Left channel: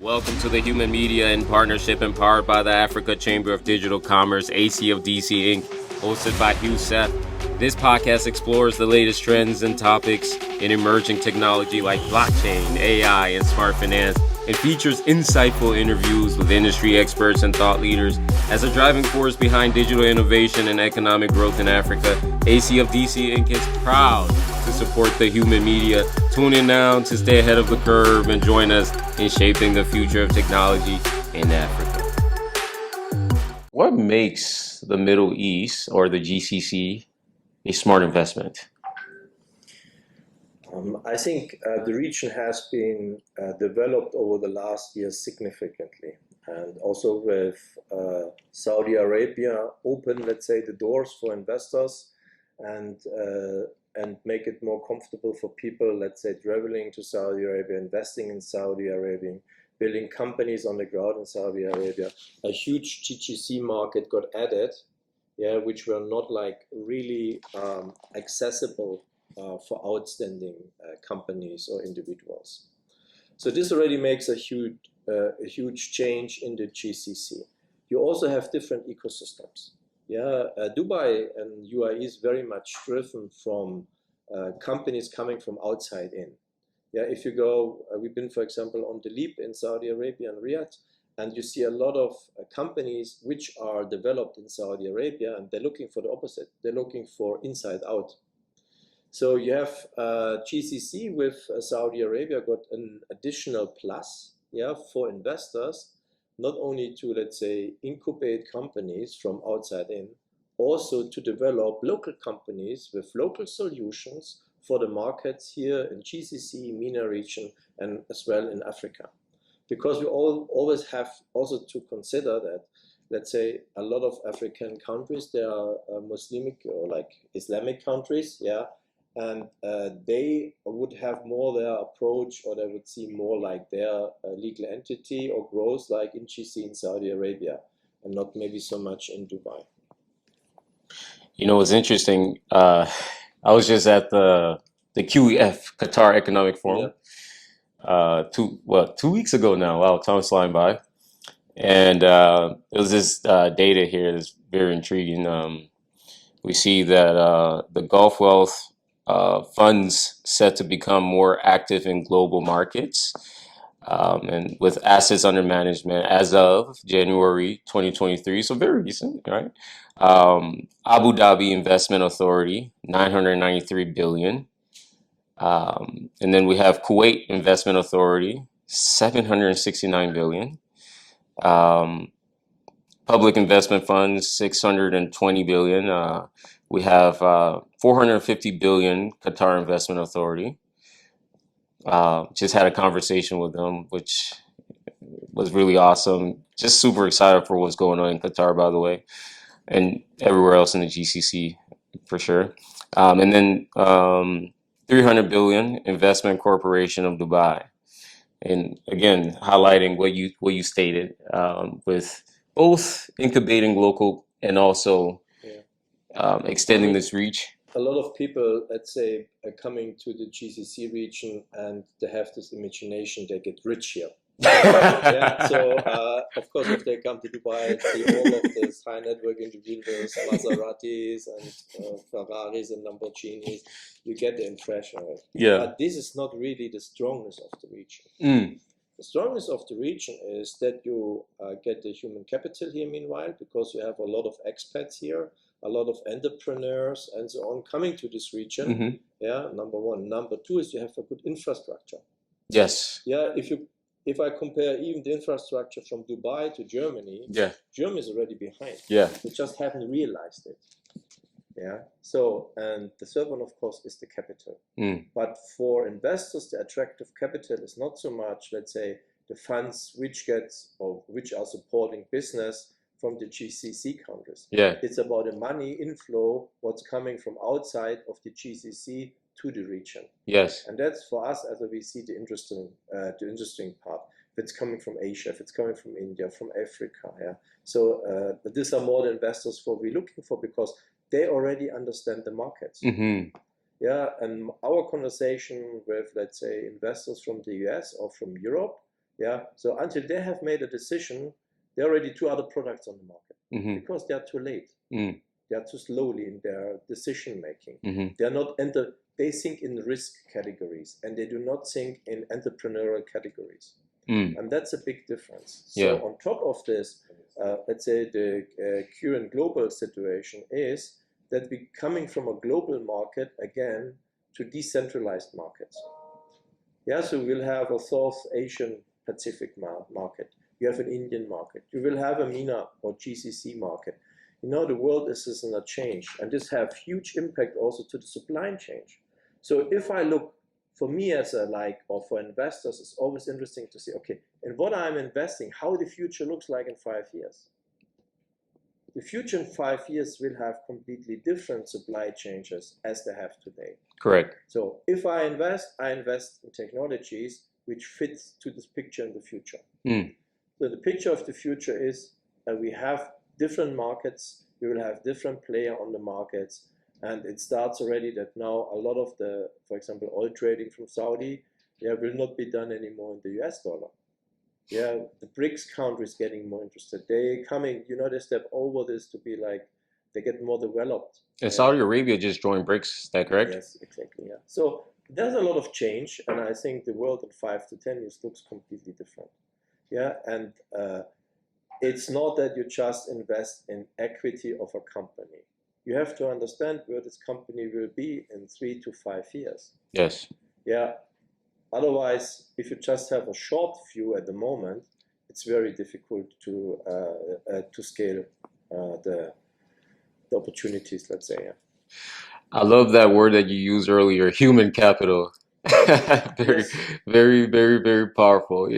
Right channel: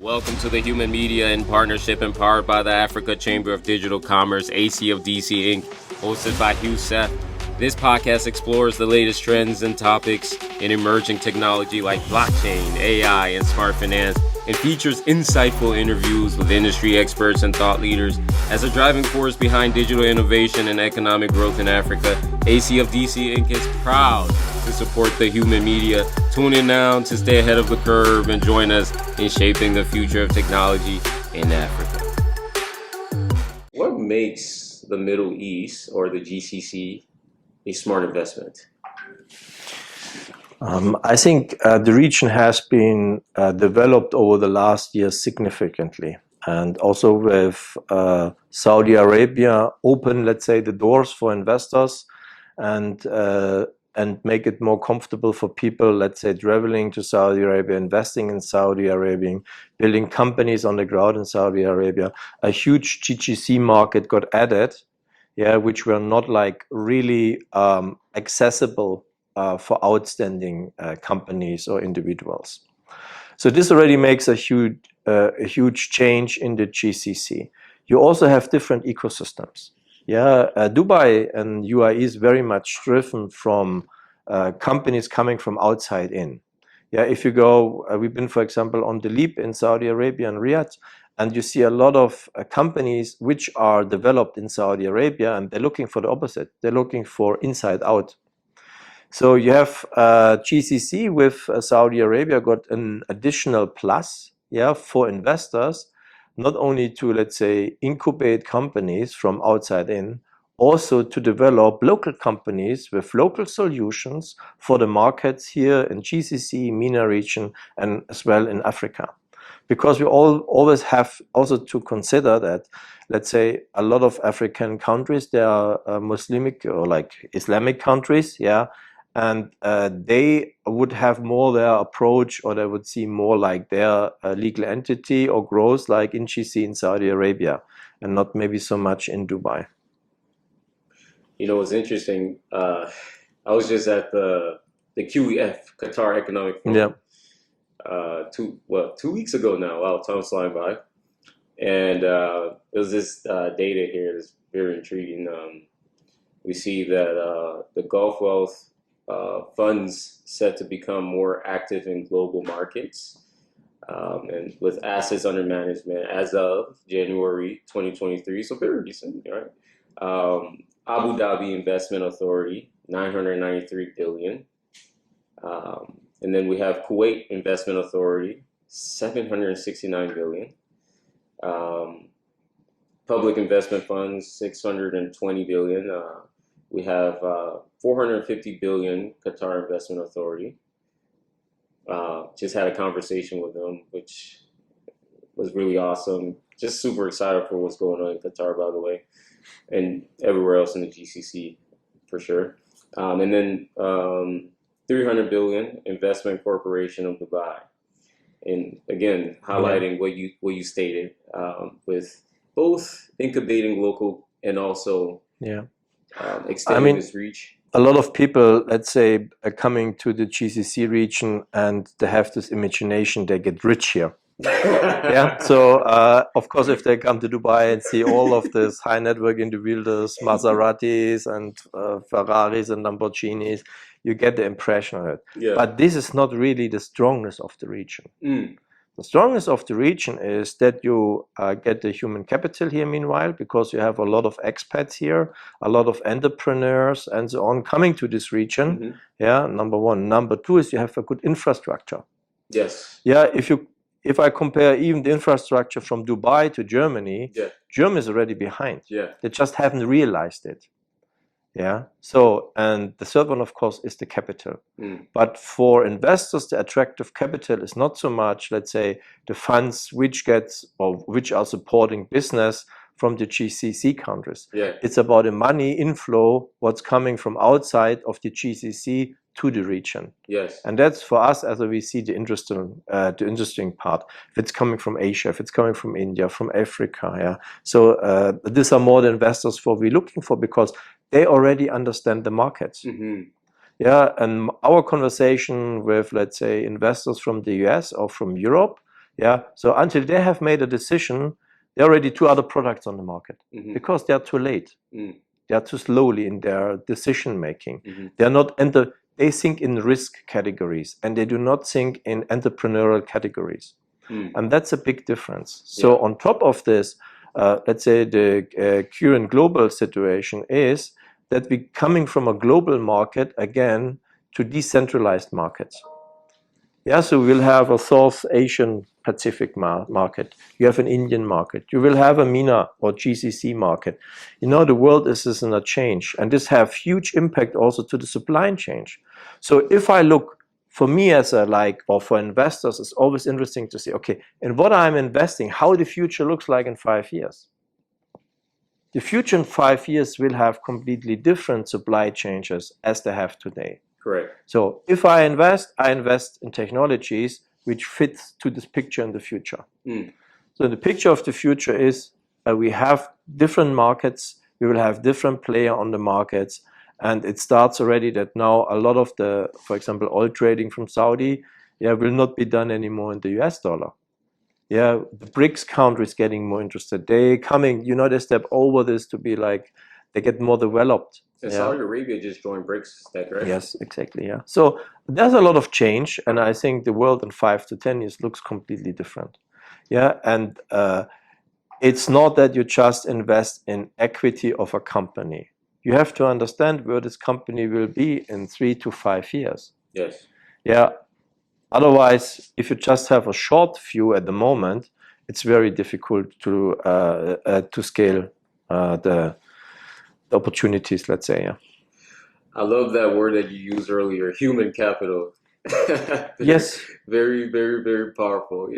Welcome to the Human Media in partnership and powered by the Africa Chamber of Digital Commerce, ACFDC Inc., hosted by Hue Seth. This podcast explores the latest trends and topics in emerging technology like blockchain, AI, and smart finance, and features insightful interviews with industry experts and thought leaders. As a driving force behind digital innovation and economic growth in Africa, ACFDC Inc. is proud to support the human media. Tune in now to stay ahead of the curve and join us in shaping the future of technology in Africa. What makes the Middle East or the GCC a smart investment? I think the region has been developed over the last years significantly. And also with Saudi Arabia open, let's say, the doors for investors and make it more comfortable for people, let's say, traveling to Saudi Arabia, investing in Saudi Arabia, building companies on the ground in Saudi Arabia. A huge GCC market got added, which were not like really accessible for outstanding companies or individuals. So this already makes a huge change in the GCC. You also have different ecosystems. Dubai and UAE is very much driven from companies coming from outside in. If you go, we've been, for example, on the Leap in Saudi Arabia and Riyadh, and you see a lot of companies which are developed in Saudi Arabia, and they're looking for the opposite. They're looking for inside out. So you have GCC with Saudi Arabia got an additional plus, for investors, not only to, let's say, incubate companies from outside in, also to develop local companies with local solutions for the markets here in GCC, MENA region, and as well in Africa. Because we always have also to consider that, let's say, a lot of African countries, they are Muslimic or like Islamic countries, and they would have more their approach, or they would see more like their legal entity or growth like in GCC in Saudi Arabia, and not maybe so much in Dubai. You know, it's interesting. I was just at the QEF, Qatar Economic Forum, 2 weeks ago now. Wow, time's flying by. And there was this data here that's very intriguing. We see that the Gulf Wealth funds set to become more active in global markets, and with assets under management as of January 2023, so very recent, right? Abu Dhabi Investment Authority, 993 billion. And then we have Kuwait Investment Authority, 769 billion. Public investment funds, 620 billion. We have 450 billion Qatar Investment Authority. Just had a conversation with them, which was really awesome. Just super excited for what's going on in Qatar, by the way, and everywhere else in the GCC for sure. And then 300 billion Investment Corporation of Dubai. And again, highlighting what you stated, with both incubating local and also extending this reach. A lot of people, let's say, are coming to the GCC region and they have this imagination they get rich here. So of course, if they come to Dubai and see all of this high network individuals, Maseratis and Ferraris and Lamborghinis, you get the impression of it. But this is not really the strongness of the region. The strongest of the region is that you get the human capital here meanwhile, because you have a lot of expats here, a lot of entrepreneurs and so on coming to this region. Number one. Number two is you have a good infrastructure. Yes. If I compare even the infrastructure from Dubai to Germany, Germany is already behind. They just haven't realized it. So, and the third one, of course, is the capital. But for investors, the attractive capital is not so much, let's say, the funds which are supporting business from the GCC countries. It's about the money inflow, what's coming from outside of the GCC to the region. And that's for us, as we see the interesting part. If it's coming from Asia, if it's coming from India, from Africa, So these are more the investors what we're looking for, because they already understand the markets. And our conversation with, let's say, investors from the US or from Europe, Yeah. So until they have made a decision, there are already two other products on the market because they are too late. They are too slowly in their decision making. They are not they think in risk categories and they do not think in entrepreneurial categories. And that's a big difference. So on top of this, let's say the current global situation is that we're coming from a global market again to decentralized markets. Yeah, so we'll have a South Asian Pacific market. You have an Indian market. You will have a MENA or GCC market. You know, the world is in a change, and this have huge impact also to the supply chain. So if I look, for me as or for investors, it's always interesting to say, okay, in what I'm investing, how the future looks like in 5 years. The future in 5 years will have completely different supply chains as they have today. Correct. So if I invest in technologies which fits to this picture in the future. So the picture of the future is we have different markets, we will have different players on the markets, and it starts already that now a lot of the, for example, oil trading from Saudi, will not be done anymore in the US dollar. Yeah, the BRICS countries getting more interested. They coming, they step over this to be like, they get more developed. And Saudi Arabia just joined BRICS, is that correct? Yes, exactly, yeah. So there's a lot of change, and I think the world in 5 to 10 years looks completely different. Yeah, and it's not that you just invest in equity of a company. You have to understand where this company will be in 3 to 5 years. Yes. Yeah. Otherwise, if you just have a short view at the moment, it's very difficult to scale the opportunities, let's say. Yeah. I love that word that you used earlier, human capital. Yes. Very, very, very powerful,